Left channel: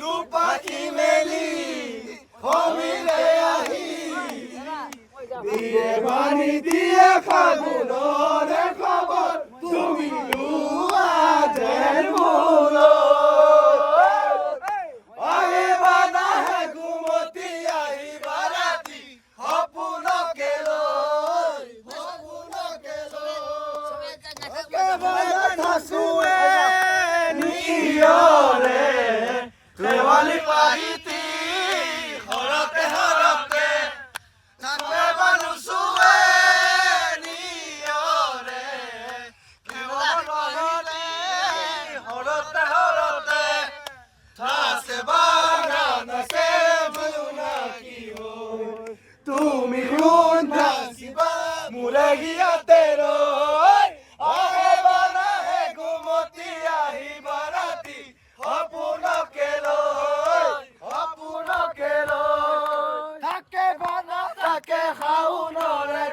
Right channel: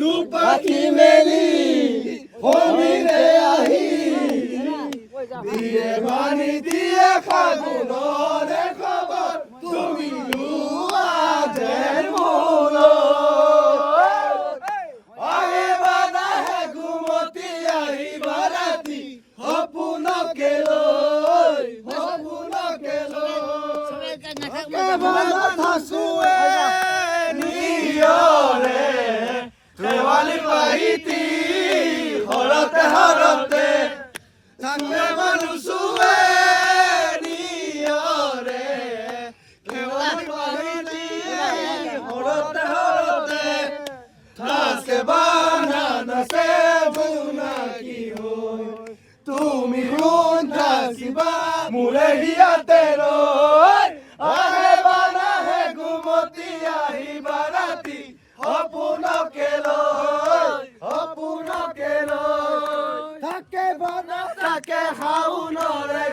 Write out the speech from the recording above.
দুপাখি মেলি হমিরে আহি দিয়ে মারি দিয়ে ফাগুনরে খবর তুমি নুয়া যায় বলো আই বাদা হে ঘুমতি আই বারাতি হপুন কেলো ভাসুয়ে নিয়রে দেওয়ালি বাড়িতে হরতে হরতে নান্নে মানুষুয়ে নিয়রে দেওয়ালি বাড়িতে হরতে হরতে থাসে বানানা সে ভুনা কি হো তুমি উদাসিবা মুরে হিয়া তেরো আরে বানা হে ঘুমতি আহি বারাতি অপুন কেলো থাকে বানা থাকে হাউনরে